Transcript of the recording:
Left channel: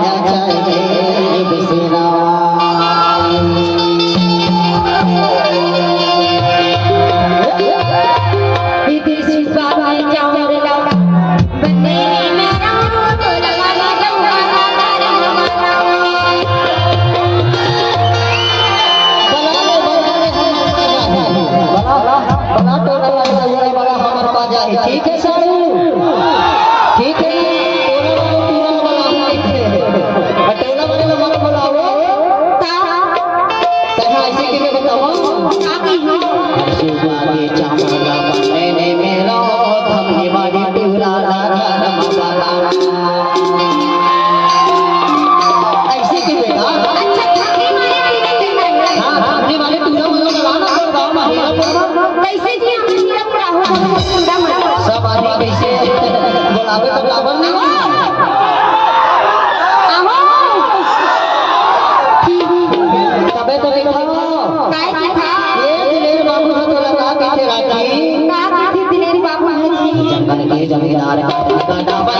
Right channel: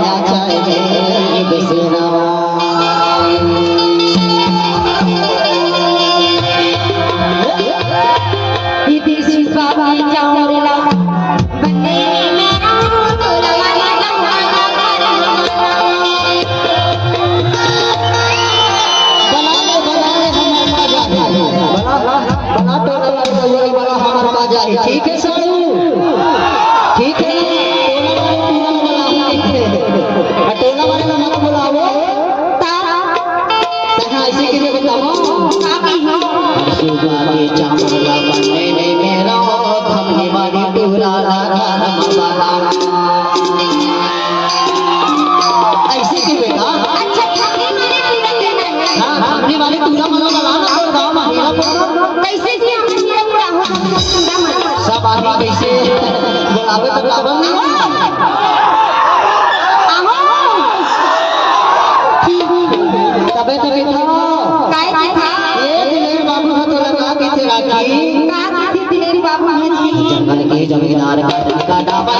माया चले बिसरा ठीक है साड़ू ठीक है टोला वाले में मत बुलाओ ऐसे कि मैं बताओ के चामड़ा बनने में मेरा थमने वाली पूरा ऐसे कि बेटा थमने वाले पूरा मनो बनाना और गाँव महिला कैसे सब आदमी कैसे बुलावे तो बुलावे नहीं तबे तो बैठा ये दिलेर बाबू हो तेरा का कैसे राजी दिलेर बाबू जंगल के जमींदार का डाबा